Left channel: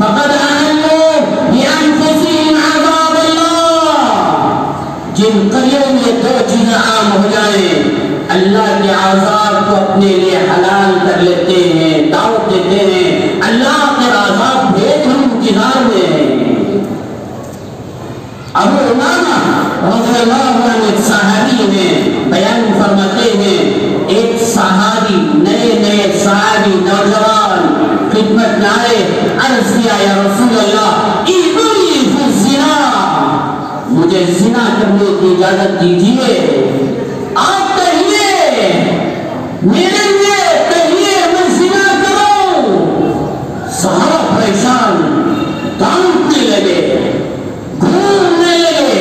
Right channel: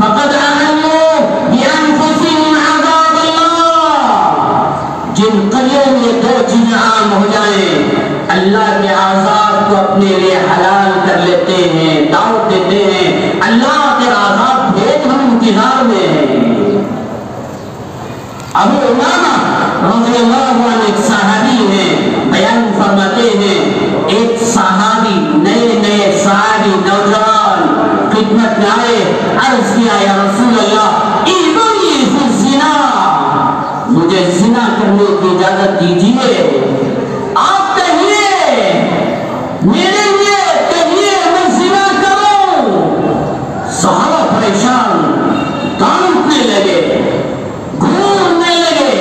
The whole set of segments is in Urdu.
فقد أحلوا بأنفسهم عذاب لوگ ہم انتظار میں ہیں۔ ابو امامہ رضی اللہ عنہ ایک صحابی ہیں، بیان فرماتے ہیں ایک صحابی نئے صحابی نوجوان خدمت میں آئے، عرض کیا یا رسول اللہ ایذنی فی الزنا، مجھے زنا کرنے کی اجازت دیجیے۔ آپ کہیے میرے لیے، کہیے میں زنا کروں۔ صحابہ پریشان ڈانٹنے لگے، گھومنے لگے۔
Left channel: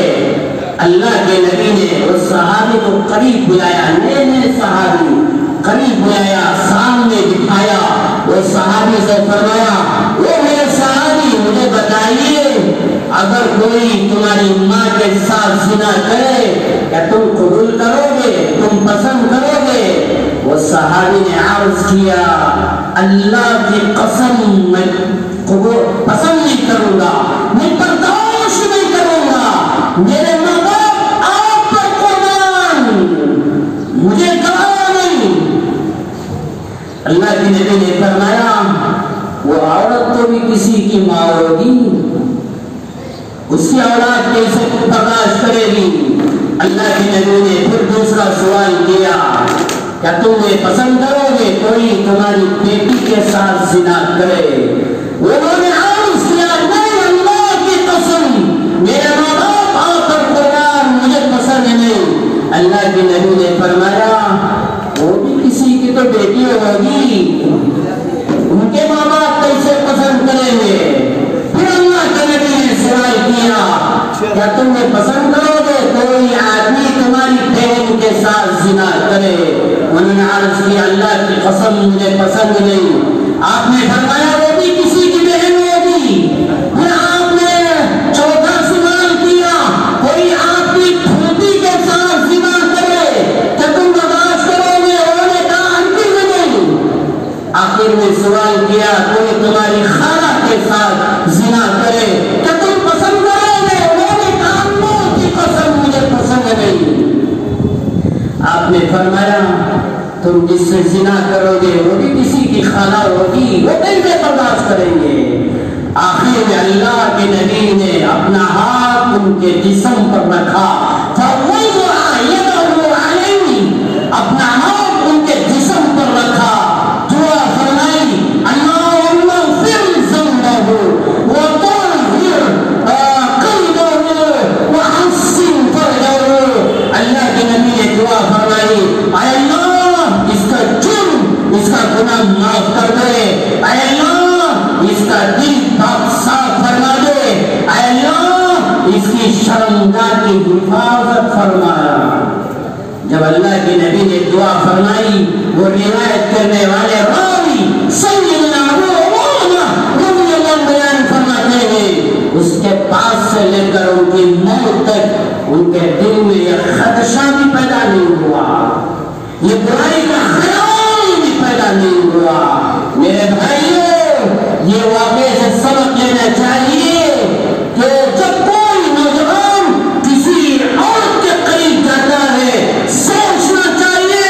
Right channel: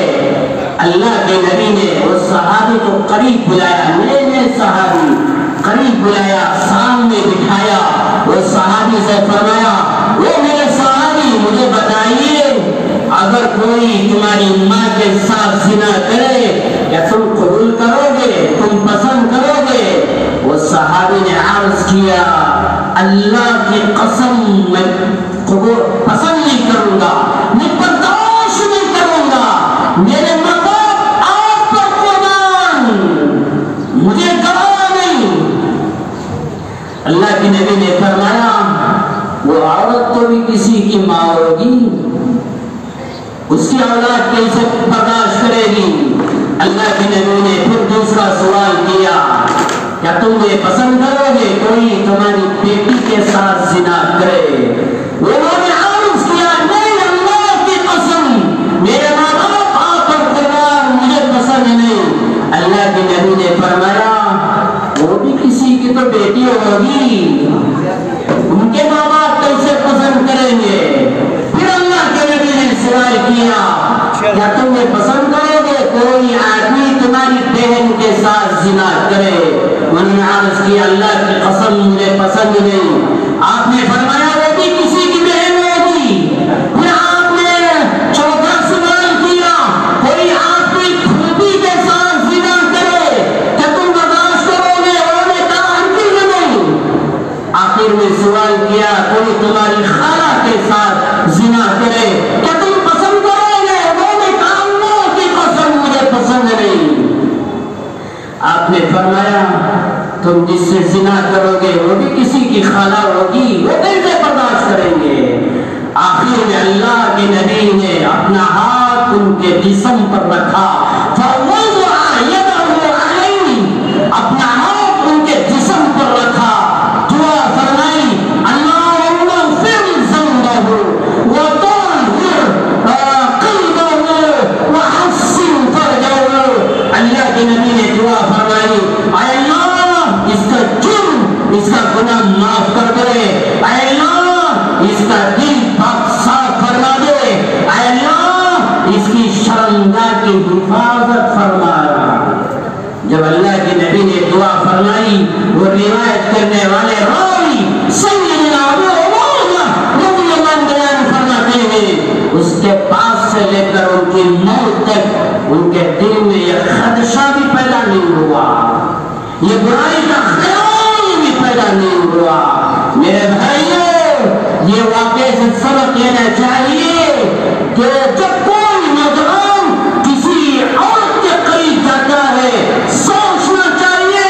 اللہ کے نبی نے اس صحابی کو قریب بلایا، نئے صحابی قریب بلایا، سامنے بٹھایا۔ وہ صحابی سے فرمایا وہ میرے صحابی مجھے بتائیے اگر کوئی تمہاری ماں کے ساتھ زنا کرے کیا تم قبول کرو گے، تم پسند کرو گے؟ وہ صحابی نے عرض کیا اللہ کی قسم میں قبول پسند نہیں کروں گا، میں برداشت نہیں کروں گا، میرے ماں باپ آپ پر قربان، مجھے گوارا نہیں۔ اللہ کے نبی نے فرمایا وہ عورت تو بھی کسی کی ماں ہوگی، اس کی اولاد کیسے برداشت کرے گی؟ اللہ کے نبی نے پھر دوسرا سوال کیا کیا تم یہ پسند کرو گے کوئی تمہاری بیٹی کے ساتھ زنا کرے؟ انہوں نے عرض کیا نہیں اللہ کی قسم میرے ماں باپ آپ پر قربان، مجھے پسند نہیں۔ اللہ کے نبی نے فرمایا وہ بھی کسی کی تو بیٹی ہوگی، ان کے ماں باپ کیسے پسند کریں گے؟ پھر اللہ کے نبی نے سوال کیا کیا تم یہ پسند کرو گے کوئی آدمی تمہاری بہن کے ساتھ زنا کرے؟ انہوں نے عرض کیا اللہ کی قسم مجھے پسند نہیں۔ آپ نے فرمایا وہ بھی کسی کی بہن ہوگی۔ پھر آپ نے چوتھا سوال کیا کوئی آپ کی پھوپھی کے ساتھ زنا کرے کیا تم برداشت کرو گے؟ انہوں نے کہا ہرگز نہیں۔ آخر میں سوال کیا کوئی تمہاری خالہ کے ساتھ زنا کرے کیا تم پسند کرو گے؟ انہوں نے کہا اللہ کی قسم مجھے پسند نہیں۔ آپ نے فرمایا تم جس سے زنا کرو گے وہ بھی کسی کی خالہ ہوگی، وہ کیسے برداشت کریں گے؟ آخر میں اللہ کے نبی نے اپنا ہاتھ ان کے جسم پر رکھا، فوضع یدہ علیہ، اپنا ہاتھ ان کے جسم پر رکھا، دعا فرمائی اللہم اغفر ذنبہ وطہر قلبہ وحسن فرجہ۔ اللہ کے نبی نے دعا فرمائی اے اللہ اس کا جرم، اس کا گناہ معاف کر دے، اے اللہ اس کا دل پاک صاف فرما دے، اے اللہ اس کی شرمگاہ کی حفاظت فرما۔ جب اللہ کے نبی نے دعا فرمائی وہ روایت کرنے والے راوی سیدنا ابو امامہ رضی اللہ عنہ بیان فرماتے ہیں اس کے پاس سے لے کر ان کی موت تک ان کے دل میں یہ خدشہ بھی پیدا نہیں ہوا، یہ برائی کا خیال بھی پیدا نہیں ہوا۔ میرے بھائیوں یہ واقعے سے سبق لینا چاہیے کہ جب کوئی نوجوان کسی عورت کے قریب جاتا ہے سوچنا چاہیے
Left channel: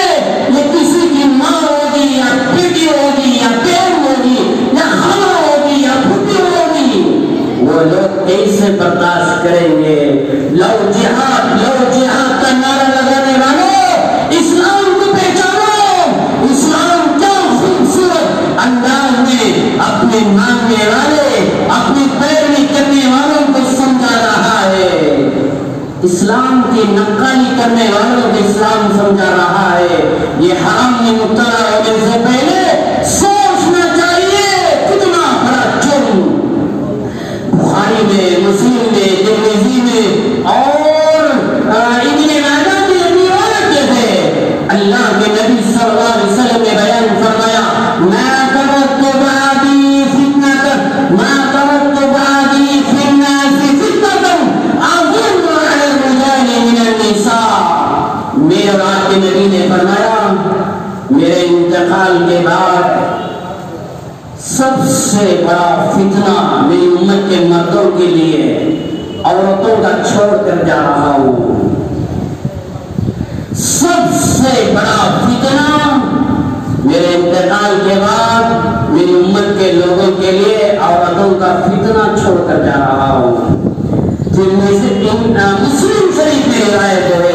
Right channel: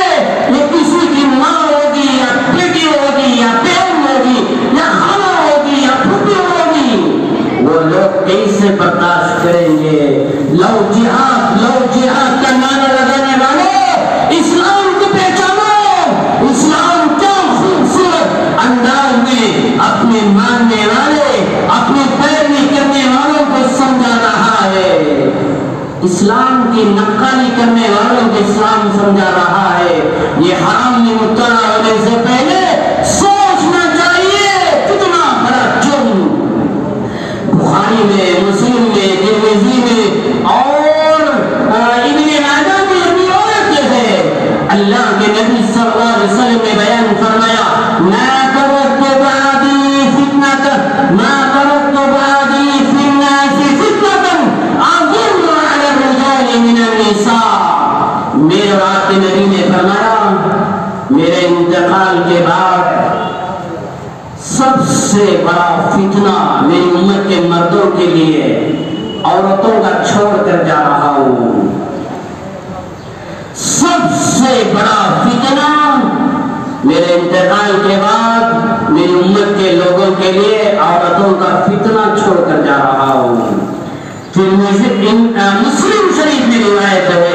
یہ کسی کی ماں ہوگی یا بیٹی ہوگی یا بہن ہوگی یا خالہ ہوگی یا پھوپھی ہوگی، وہ لوگ کیسے برداشت کریں گے؟ لو جہاد کا نعرہ لگانے والوں اسلام کو پہچانو، اسلام کیا خوبصورت انداز میں اپنے ماننے والے اپنے پیروی کرنے والوں کو سمجھا رہا ہے، اسلام کی نقالی کرنے والوں کو اسلام سمجھا رہا ہے۔ یہ حرام میں مبتلا ہونے سے پہلے سوچنا چاہیے کتنا بڑا جرم۔ بخاری میں، مسلم میں، ترمذی میں اور ابن ماجہ کی روایت ہے اللہ کے نبی صلی اللہ علیہ وسلم نے بیان فرمایا ما ترکت بعدی فی الناس فتنة اضر علی الرجال من النساء۔ میرے آپ کے نبی نے فرمایا میرے انتقال کے بعد سب سے بڑا فتنہ میری امت کے مردوں کے لیے عورتوں کا چھوڑ کر جا رہا ہوں۔ سب سے بڑا فتنہ میرے انتقال کے بعد میری امت کے لوگوں کے لیے عورتوں کا فتنہ چھوڑ کر جا رہا ہوں۔ پھر مسلم شریف میں روایت ہے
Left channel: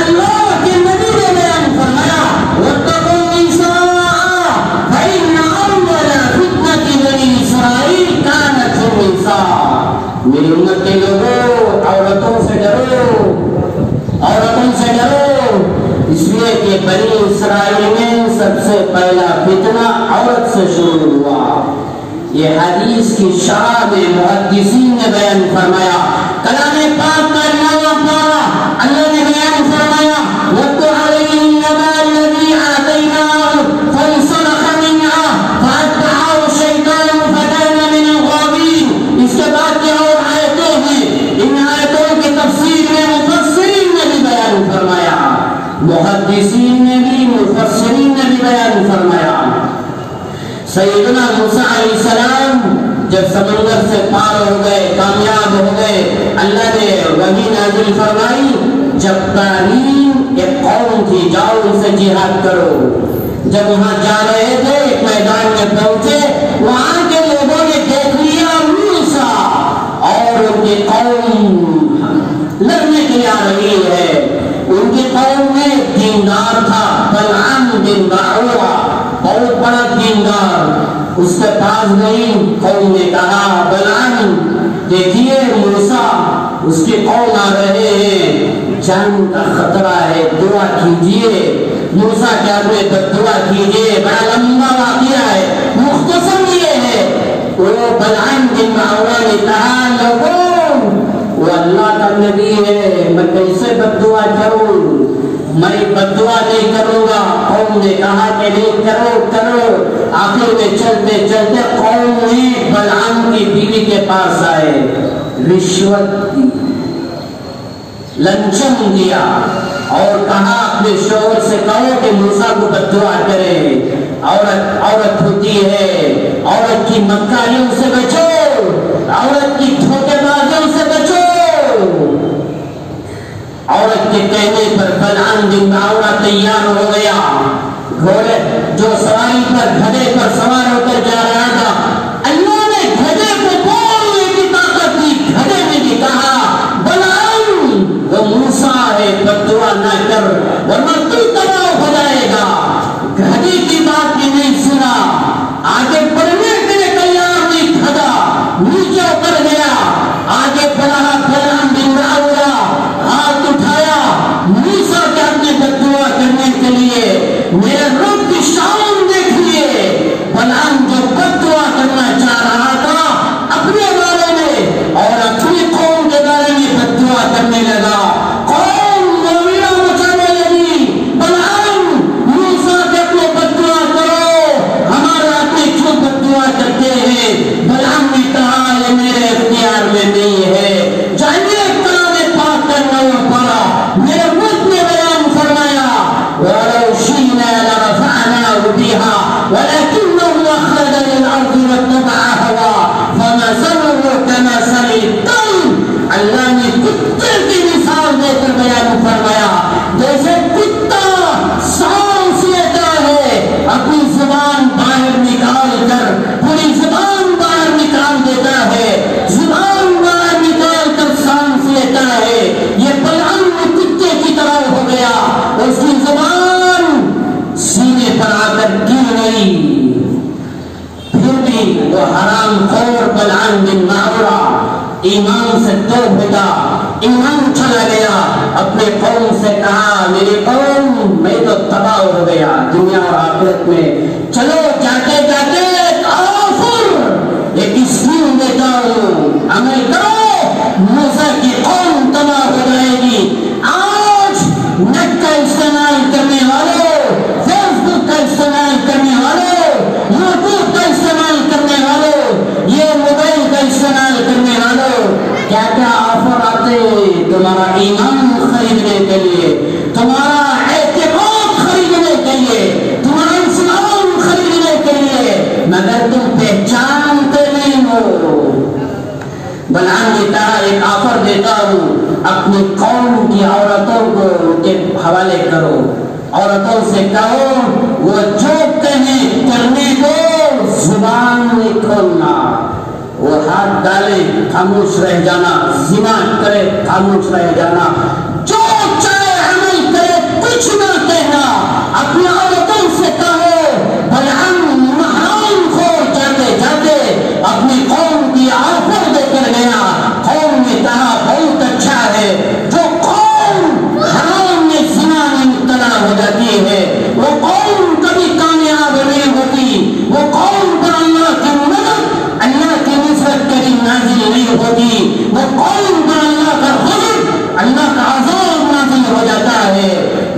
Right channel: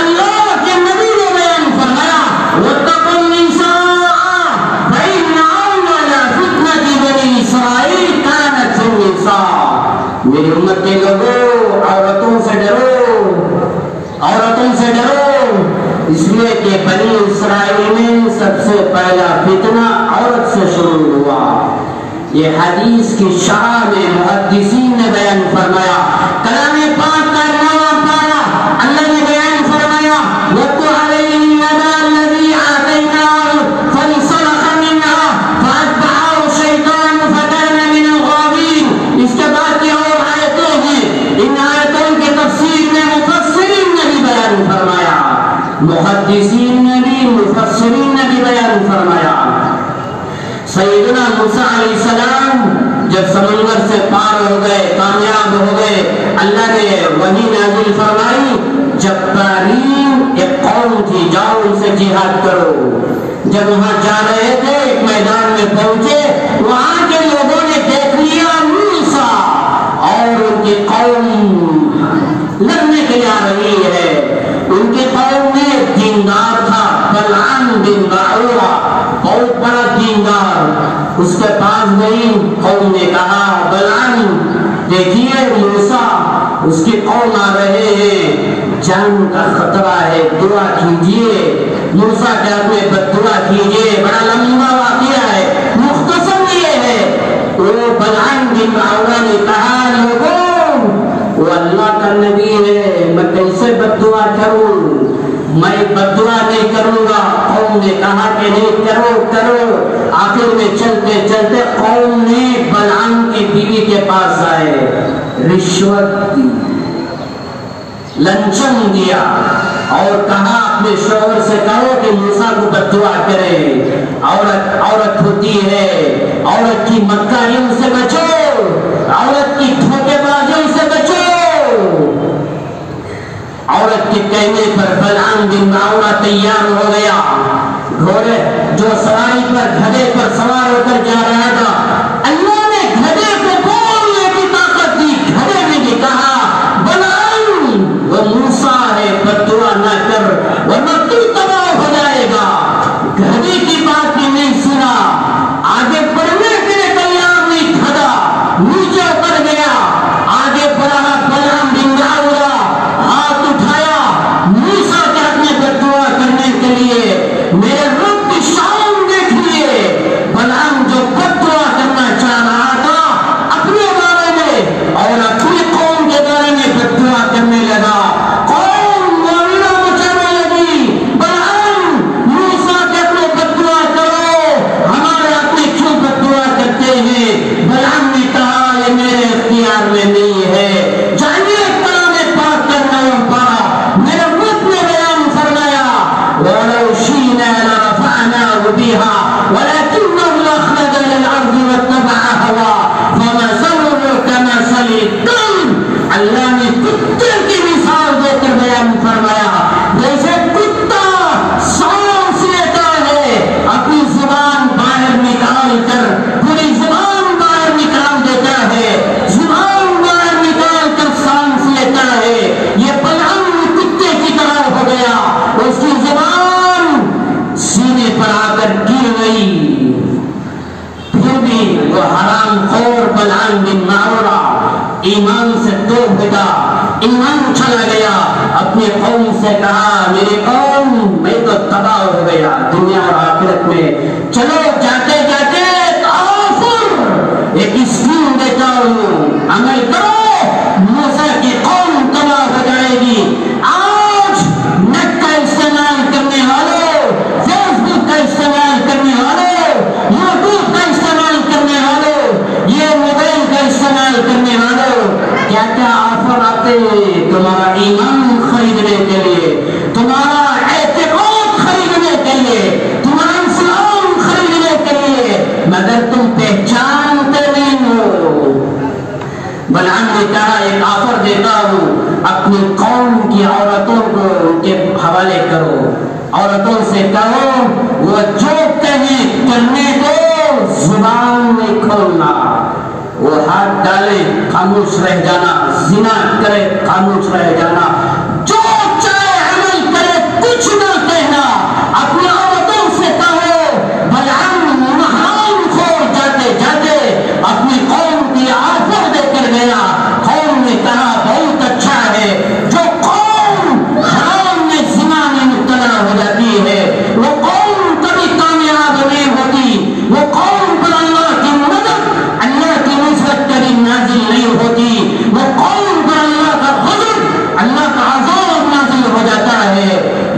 اللہ کے نبی نے بیان فرمایا واتقوا النساء فإن أول فتنة بني إسرائيل كانت في النساء۔ میری امت کے لوگوں عورتوں سے ڈرو، عورتوں سے ڈرو، اس لیے کہ بنی اسرائیل میں سب سے پہلا فتنہ عورت سے شروع ہوا۔ یہ حدیث کی شرح میں محدثین نے بیان فرمایا، کلام پاک کا نواں پارہ اللہ نے بیان فرمایا وَاتْلُ عَلَيْهِمْ نَبَأَ الَّذِي آتَيْنَاهُ فَانسَلَخَ مِنْهَا فَأَتْبَعَهُ الشَّيْطَانُ فَكَانَ مِنَ الْغَاوِينَ۔ اس کے بعد کی اور آیتیں ہیں، ان آیتوں کی تفسیر میں مفسرین نے بھی بیان فرمایا، محدثین نے بھی، مفسرین نے بھی بیان فرمایا۔ سیدنا موسیٰ علیہ السلام جب سمندر سے پار ہو گئے، کامیاب ہو گئے، اللہ نے وحی نازل فرمائی، جبارین ایک قوم تھی، جاؤ ان سے جہاد کرو۔ جب وہاں جا رہے تھے ایک میدان میں پہنچے، وہاں کے لوگوں نے دیکھ لیا موسیٰ اور ان کی قوم لڑنے کے لیے آ رہی ہے۔ ان کی قوم میں دیندار تھا بلعام بن باعورہ، بہت بڑا دیندار، اس کے پاس گئی، قوم نے کہا بلعام دیکھیے موسیٰ اس کی قوم آ رہے ہیں، جان کا خطرہ ہے، دعا کیجئے۔ موسیٰ کے ہاتھ میں بددعا کیجئے، بڑا لمبا واقعہ ہے، مختصر یہ ہے۔ وہ بلعام بن باعورہ نے کہا لوگوں وہ اللہ کا نبی ہے، میں کیسے بددعا کروں، میں بددعا نہیں کروں گا۔ قوم نے کہا کہ نہیں کرو کرو۔ آخر میں چلتے چلتے قوم نے بلعام کی بیوی کے پاس آئے، رشوت دی، لنچن دیا اور کہا اپنے شوہر سے کہو کہ موسیٰ کو بددعا کرے، عورت ہوتی ہے، عورت کی مکاریوں سے بچو، عورت کی دھوکے بازیوں سے بچو۔ عورت کے کہنے پر بلعام بن باعورہ تیار ہو گیا، گھوڑے جو سواری پر گدھے پر سوار ہو کر جا رہا تھا، اللہ نے گدھے کو بولنے کی طاقت دی، گدھے نے بھی کہا بلعام وہ موسیٰ ہے، بددعا نہ کر ورنہ تو تباہ ہو جائے گا۔ گدھے کی بات بھی نہیں سنا، آگے بڑھنے کے لیے تیار نہیں، گدھا نیچے اتر گیا، آگے بڑھا بلعام بن باعورہ ہاتھ اٹھایا موسیٰ کے ہاتھ میں بددعا کرنے کے لیے، میرے رب کی شان دیکھیے۔ بلعام جو بددعا کرنا چاہ رہا تھا اپنے بارے میں اور اپنی قوم کے بارے میں بددعا کرنے لگا، قوم معاملہ مچانے لگی، بلعام موسیٰ کے اپنے بددعا کرو، ہمارے ہاتھ میں کیوں بددعا کرتے ہیں؟ بلعام نے کہا یہ میرے اختیار میں نہیں ہے۔ جانیے کلام پاک کرنا پڑا، میرے رب نے بیان فرمایا وَلَوْ شِئْنَا لَرَفَعْنَاهُ بِهَا وَلَكِنَّهُ أَخْلَدَ إِلَى الْأَرْضِ وَاتَّبَعَ هَوَاهُ فَمَثَلُهُ كَمَثَلِ الْكَلْبِ۔ اللہ نے کتے کی مثال دے کر بیان فرمایا، جیسے کتا سانس لیتا ہے، اپنی زبان باہر نکال کر پوری زبان باہر نکال دیتا ہے، زبان باہر نکال کر سانس لیتا ہے، یہ بلعام کتے کی طرح ہو گیا، اس کی زبان سینے پر آ کر گر گئی۔ پھر بھی وہ حرام خور بلعام بن باعورہ ایمان سے دو بھیگا، ایمان چلا گیا، اپنے قوم سے کہا میری قوم میں تو تباہ ہو گیا دنیا اور آخرت میں، چلو جاتے جاتے آفر ایک اسکیم دیتا ہوں، عمل کرو، موسیٰ کی قوم تباہ ہو جائے گی۔ آج نیٹ کا استعمال کرنے والوں، فیس بک کا استعمال کرنے والوں، یوٹیوب کا استعمال کرنے والوں، یہ موبائل کا استعمال کرنے والوں، کیا کیا آفر آتے تمہارا ایمان خریدنے کے لیے، تمہارا اعتقاد خریدنے کے لیے، تمہارا اسلام خریدنے کے لیے، مگر تم پہچانتے نہیں ہو۔ بلعام نے کہا ایک آفر دیتا ہوں، اپنی قوم کی عورتوں کو ان کے حوالے کرو، عورتوں سے کہو وہ جو کہیں کرنے دو، زبان نہیں کھولنا۔ وہ ہاتھ ڈالے خاموش رہ جانا، زنا کرے خاموش رہ جانا، جو چاہے عمل کرے کچھ نہ کہنا، اپنی عورتوں سے کہو بلعن حرام خور جاتے جاتے اپنی قوم کی آفر دے کر گیا۔ قوم نے کہا بہت اچھا ہے، جو قوم حرام میں زنا میں مبتلا ہو جاتی ہے وہ قوم کبھی کامیاب نہیں ہوتی، وہ قوم پر اللہ کی مدد، اللہ کی نصرت کبھی نازل نہیں ہوتی، وہ قوم پر اللہ کا غضب، اللہ کا عذاب نازل ہو جاتا ہے۔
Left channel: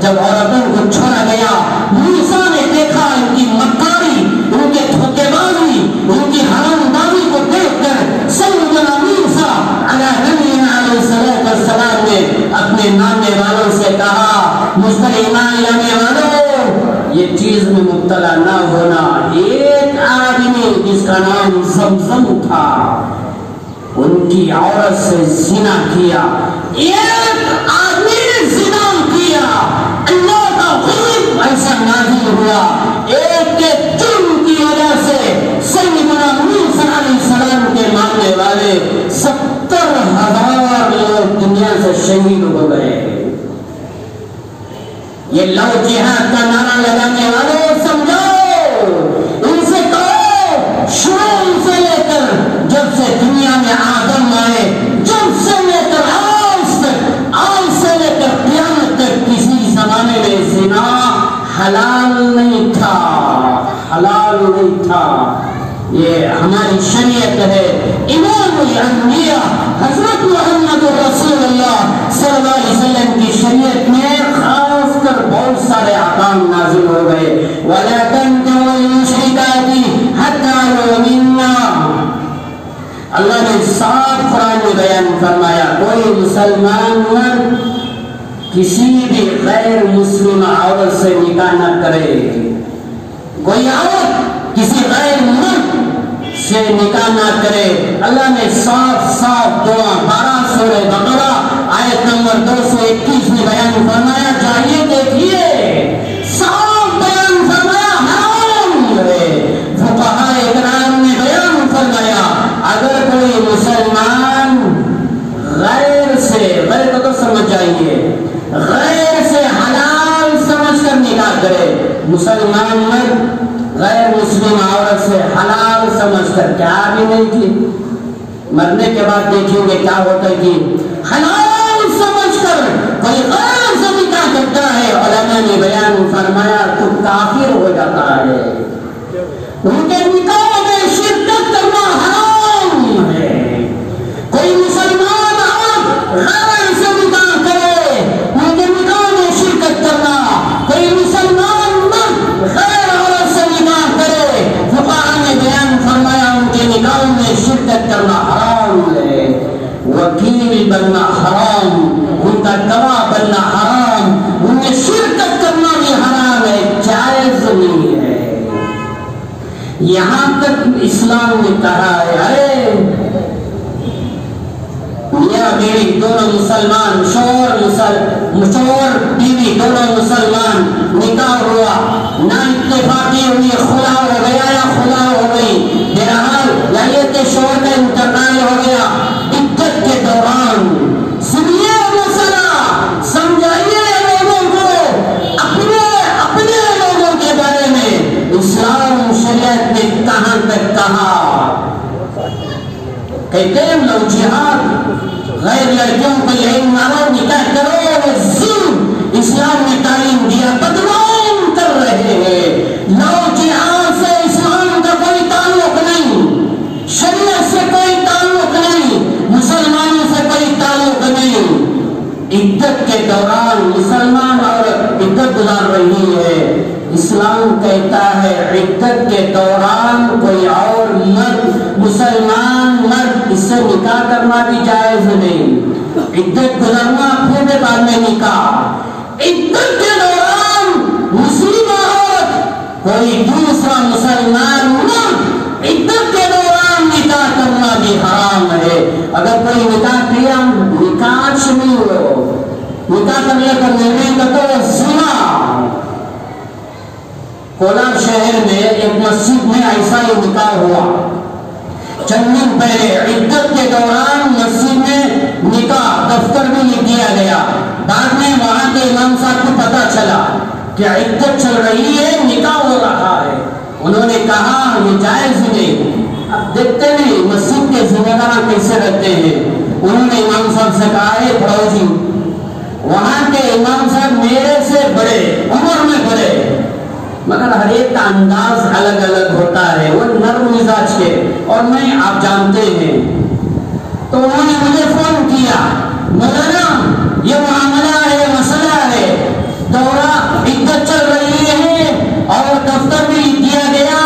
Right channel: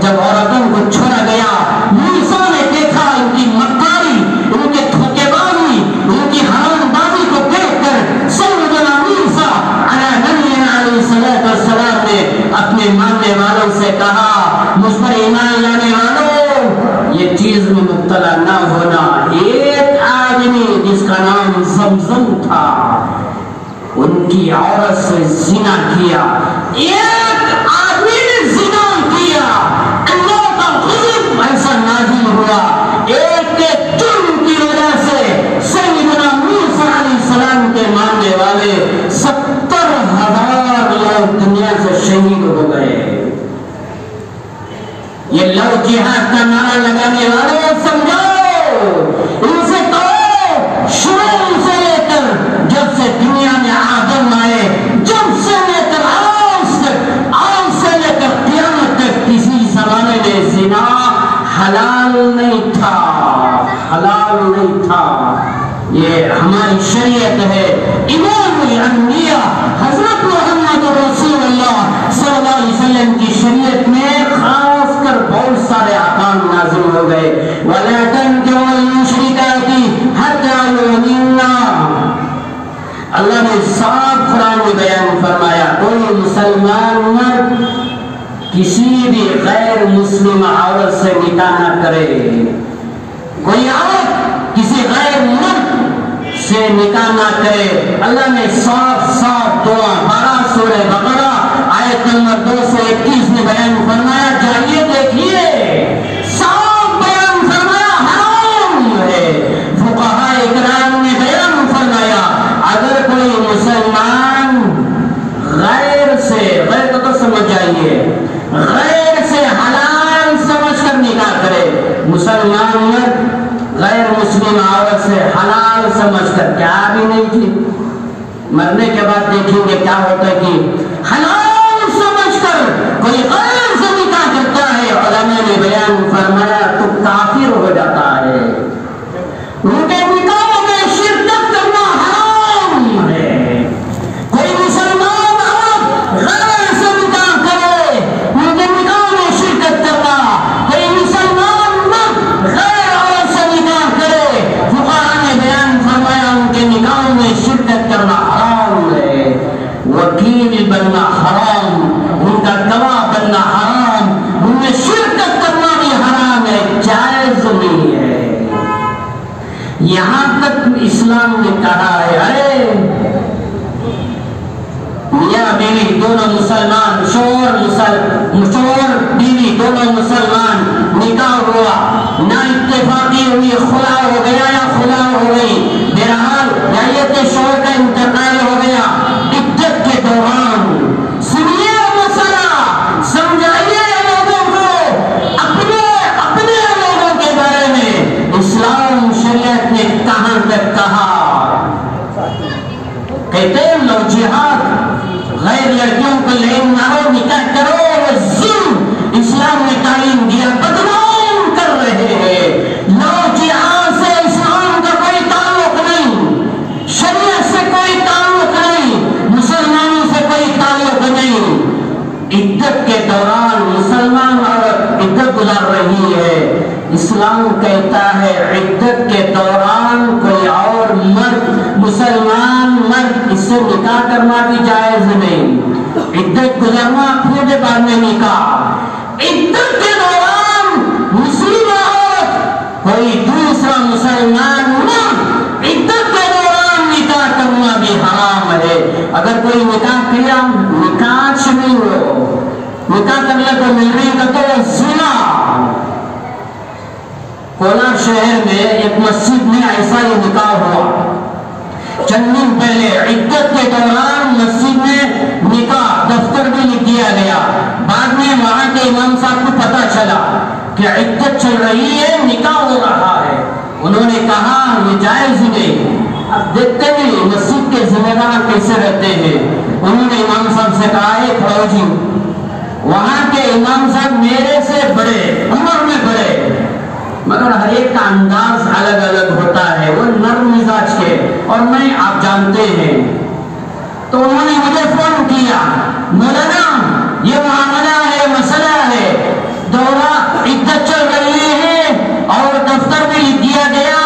جب عورتوں کو چھوڑا گیا، موسیٰ نے دیکھا ان کی مکاری، ان کے دھوکے بازی، ان کی حرام بازی کو دیکھ کر سیدنا موسیٰ علیہ السلام نے اپنے ماننے والوں سے کہا مجھ پر ایمان لانے والوں یہ چیز میں مبتلا نہ ہونا۔ ایک آدمی جس کا نام زمزم تھا ان کی عورت سے زنا کیا، ایک آدمی نے زنا کیا، اللہ کا غضب ایسا نازل ہوا، ایک کے جرم کی وجہ سے سیدنا موسیٰ علیہ السلام کے ماننے والے 70,000 لوگ دنیا سے شہید ہو گئے۔ یہ لو جہاد کا نعرہ لگانے والوں سمجھو، ان سے کہو شروع سے لے کر جب سے دنیا میں آدم آئے، جب سے لے کر آج سے لے کر قیامت تک کسی زمانے میں زنا حلال نہیں تھا، حلال نہیں تھا۔ یہ ہماری شریعت ہے، امام الانبیاء حضرت محمد رسول اللہ صلی اللہ علیہ وسلم کی شریعت میں خاص کر بہت سارے احکام نازل ہو گئے۔ وَلَا تَنكِحُوا الْمُشْرِكَاتِ حَتَّىٰ يُؤْمِنَّ، اللہ نے صاف قرآن میں بیان فرمایا کوئی مسلمان مرد کسی بھی غیر مسلم عورت سے نکاح نہ کرے، کوئی عورت کسی غیر مرد سے نکاح نہ کرے۔ اللہ نے صاف صاف 12 سورہ بقرہ آیت نمبر 221 میں بیان فرمایا، جائیے دیکھیے صاف بیان فرمایا حرام ہے۔ فقہاء اکرام نے بیان فرمایا اگر کوئی مسلمان غیر سے، غیر کو تو سمجھ جائیے، غیر سے حلال سمجھ کر نکاح کرے، مسلمان مرد غیر مسلم عورت سے حلال سمجھ کر، کیا بھی نہیں تھی، مرنے کے بعد دیکھیں گے کیا ہوتا ہے کہ حلال سمجھ کر کوئی غیر سے نکاح کرتا ہے، علماء نے بیان فرمایا تو کافر ہو جاتا ہے، ان کے نکاح میں شرکت کرنا حرام ہے۔ کوئی مسلمان عورت غیر سے نکاح کرے، ان کے نکاح میں شرکت کرنا، کوئی مسلمان مرد غیر عورت سے نکاح کرے، فقہاء نے بیان فرمایا ان کے نکاح میں شرکت کرنا حرام ہے۔ وکیل بننا حرام، ان کا گواہ بننا حرام، ان میں شرکت کرنا بھی حرام ہے، جائز نہیں ہے۔ یہاں تک اسلام نے کہا ہے ارے میاں بیوی دونوں مسلمان، شوہر بیوی دونوں مسلمان، نکاح ہوا، نہ اتفاقی ہوئی، خلا ہو گیا یا خلا ہو گئی، بہرحال یا کہ شوہر کا انتقال ہو گیا، عدت کے دوران سنیے مسئلہ، سمجھائیے لوگوں کو اپنے لوگوں کے بارے میں اسلام شریعت نے کہاں تک کہا۔ کہتے ہیں لو جہاد، غیر لڑکیوں کو لین مارو، نکاح کرو، ظلم اسلام نے تعلیم دیا، بدنام کر رہے ہیں۔ لو جہاد سے اسلام کا کوئی تعلق نہیں، شریعت سے کوئی تعلق نہیں، مسلمانوں سے کوئی تعلق نہیں۔ عدت کے دوران مسلمان عورت عدت گزار رہی ہے، اسلام کہتا ہے عدت کے دوران کوئی اور مرد، مسلمان مرد، اس سے نکاح کرنا بھی جائز نہیں، عدت گزارنا پھر بعد میں نکاح۔ عدت کے دوران مسلم عورت کوئی دوسرا مسلمان مرد عدت کے دوران نکاح کرنا بھی حرام ہے۔ اگر کوئی نکاح کیا، نکاح نہیں ہو، نکاح کرنے کو نہیں کا تو زنا۔ کولار شہر میں ایک مسجد میں ایسا ہی نکاح ہوا، چند دن پہلے عدت عدت چل رہی ہے، نکاح ہو رہا ہے، انہوں نے کہا یہ جائز نہیں۔ اب دیکھتے نہیں مسجد کے ذمہ دار کیسے رہتے ہیں۔ انہوں نے امام صاحب سے کہا ہے فوجی، وہاں کے امام صاحب میرے سے بڑے، عمر میں بڑے، مگر ہر ایک کا انداز الگ الگ ہوتا ہے، وہ نرم مزاج کے، اور میں آپ جانتے ہیں۔ تو انہوں نے مجھے فون کیا، مولانا یہ معاملہ ہے، مسئلہ ہے، دورہ عدت چل رہی ہے اور دفتر بھی دیا گیا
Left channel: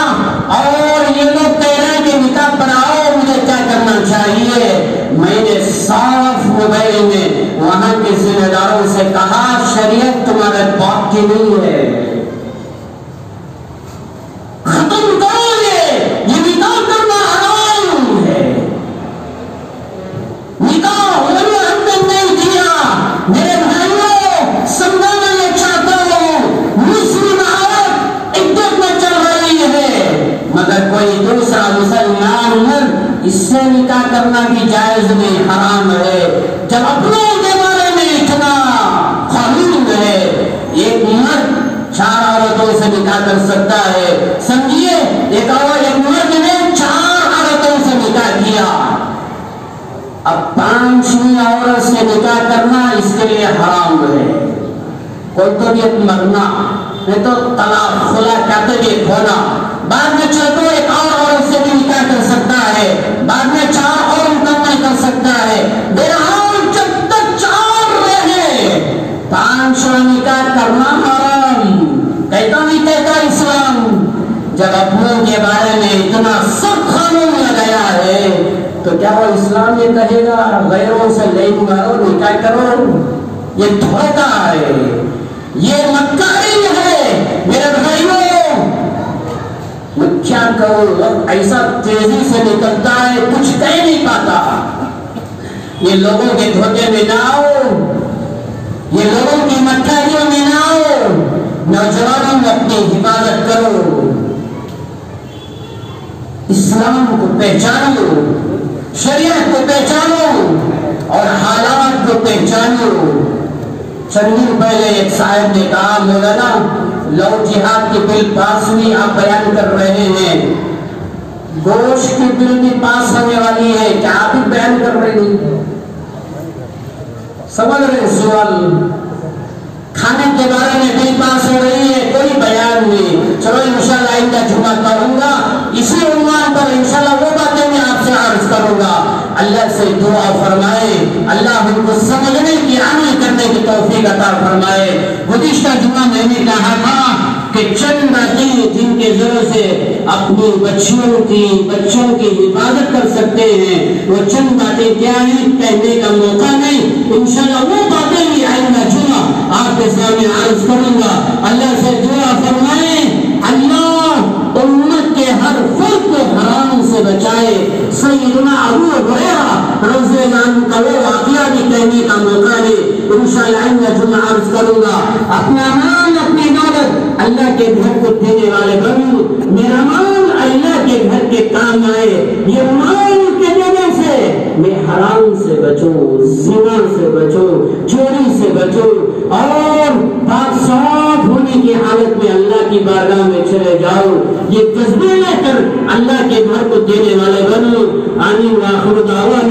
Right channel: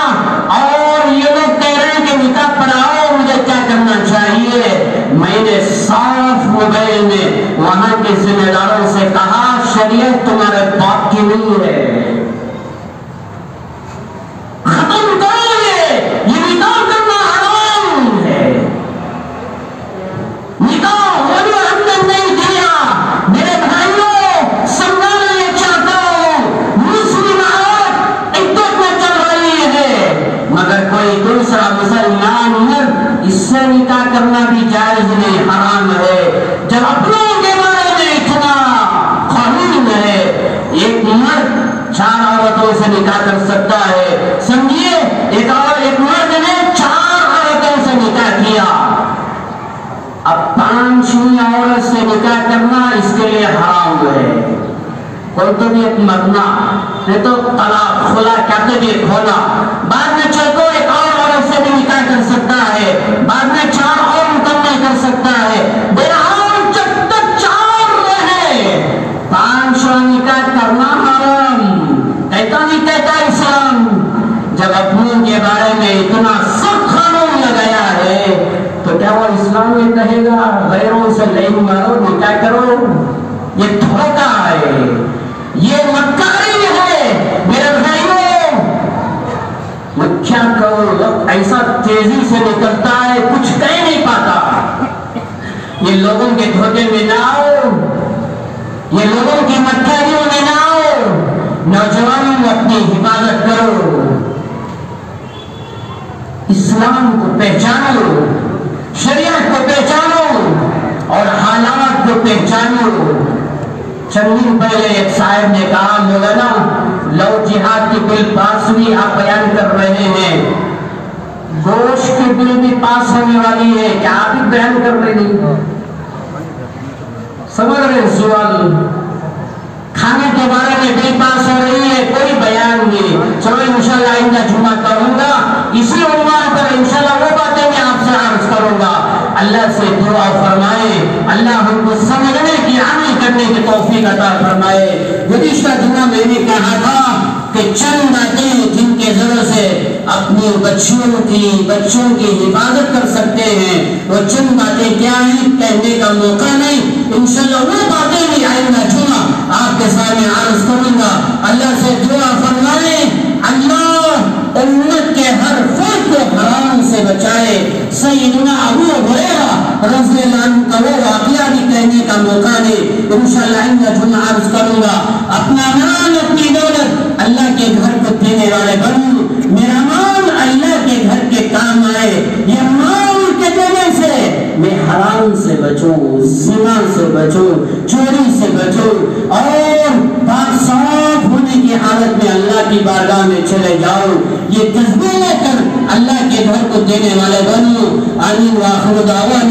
اور یہ لوگ کہہ رہے ہیں کہ نکاح پڑھاؤ، مجھے کیا کرنا چاہیے؟ میں نے صاف موبائل میں وہاں کے ذمہ داروں سے کہا شریعت تمہارے باپ کی نہیں ہے، ختم کرو یہ نکاح کرنا حرام ہے، نکاح ہونے ہم نے نہیں دیا۔ میرے بھائیوں سمجھانا یہ چاہتا ہوں، مسلم عورت عدت میں چل رہی ہے مگر کوئی دوسرا مسلمان مرد اس سے نکاح کرنا بھی جائز نہیں، حرام ہے۔ جب اپنوں کے بارے میں اتنا قانون ہے، ایک مرد 4 عورتوں سے نکاح کر سکتا ہے، سمجھیے ایک مرد نے 4 عورتوں سے نکاح کیا، اب 5ویں عورت سے نکاح کرنا اس کے لیے حرام ہے۔ کوئی تو بھی ایک مرنا، نہیں تو طلاق خلا کہتے بھی ایک ہونا، بعد میں چل تو ایک اور عورت سے بھی نکاح کر سکتا ہے، بعد میں 4 اور مکمل کر سکتا ہے، بہرحال جب تک 4 رہے 5واں نکاح کرنا حرام۔ کہتا نہیں کہتا انسان، جب اپنوں کے بارے میں اتنا سخت قانون لگایا ہے تو کیا وہ اسلام یہ کہے گا غیروں سے لین مارو نکاح کرو؟ یہ دھوکہ ہے، یہ مکاری ہے۔ میرے بھائیوں میں کیا کروں، وقت ایسا تیزی سے نکلتا ہے کچھ کہہ نہیں پاتا۔ یہ لوگوں کے دھوکے میں نہ آؤ، یہ لوگوں کی مکاریوں میں نہ آؤ، نوجوانوں میں اپنی حفاظت کرو، اسلام کو پہچانو، شریعت کو پہچانو اور حالات کو پہچانو۔ چند دن پہلے ایک صاحب نے کہا مولانا لو جہاد کی بل پاس ہوئی، آپ بیان کر رہے ہیں، گوشت کی بل بھی پاس ہونے والی ہے، کیا آپ بھی بیان کر رہے ہیں؟ سمجھ رہے ہیں سوال؟ کھانے کے بارے میں بل پاس ہو رہی ہے، کوئی بیان نہیں۔ چلو انشاءاللہ آئندہ جمعہ کروں گا اسی عنوان پر، انشاءاللہ وہ باتیں میں آپ سے عرض کروں گا۔ اللہ سے دعا فرمائے اللہ ہم کو سمجھنے کی، عمل کرنے کی توفیق عطا فرمائے۔ گزشتہ جمعہ میں نے کہا تھا کہ چند باتیں جن کے ذریعے سے اپنی بچوں کی حفاظت کر سکتے ہیں، وہ چند باتیں کیا ہیں کہنے کا موقع نہیں، انشاءاللہ وہ باتیں بھی آئندہ جمعہ آپ کے سامنے عرض کروں گا۔ اللہ سے دعا فرمائے اللہ امت کے ہر فرد کو حرام سے بچائے۔ سیدنا ابو ہریرہ رضی اللہ عنہ کا وہ واقعہ بھی کہنے کا موقع نہیں، انشاءاللہ آئندہ جمعہ عرض کروں گا۔ اپنا مال اپنی دولت اللہ کے گھر کو دینے والے بنو، میرا مال اللہ کے گھر کے کام آئے، یہ مال کے دینے سے میں حرام سے بچوں، زنا سے بچوں، چوری سے بچوں اور پاک صاف ہونے کی حالت میں اللہ کی بارگاہ میں چلے جاؤ، یہ جذبے لے کر اللہ کے گھر کو دینے والے بنو۔ آمین وآخر دعوانا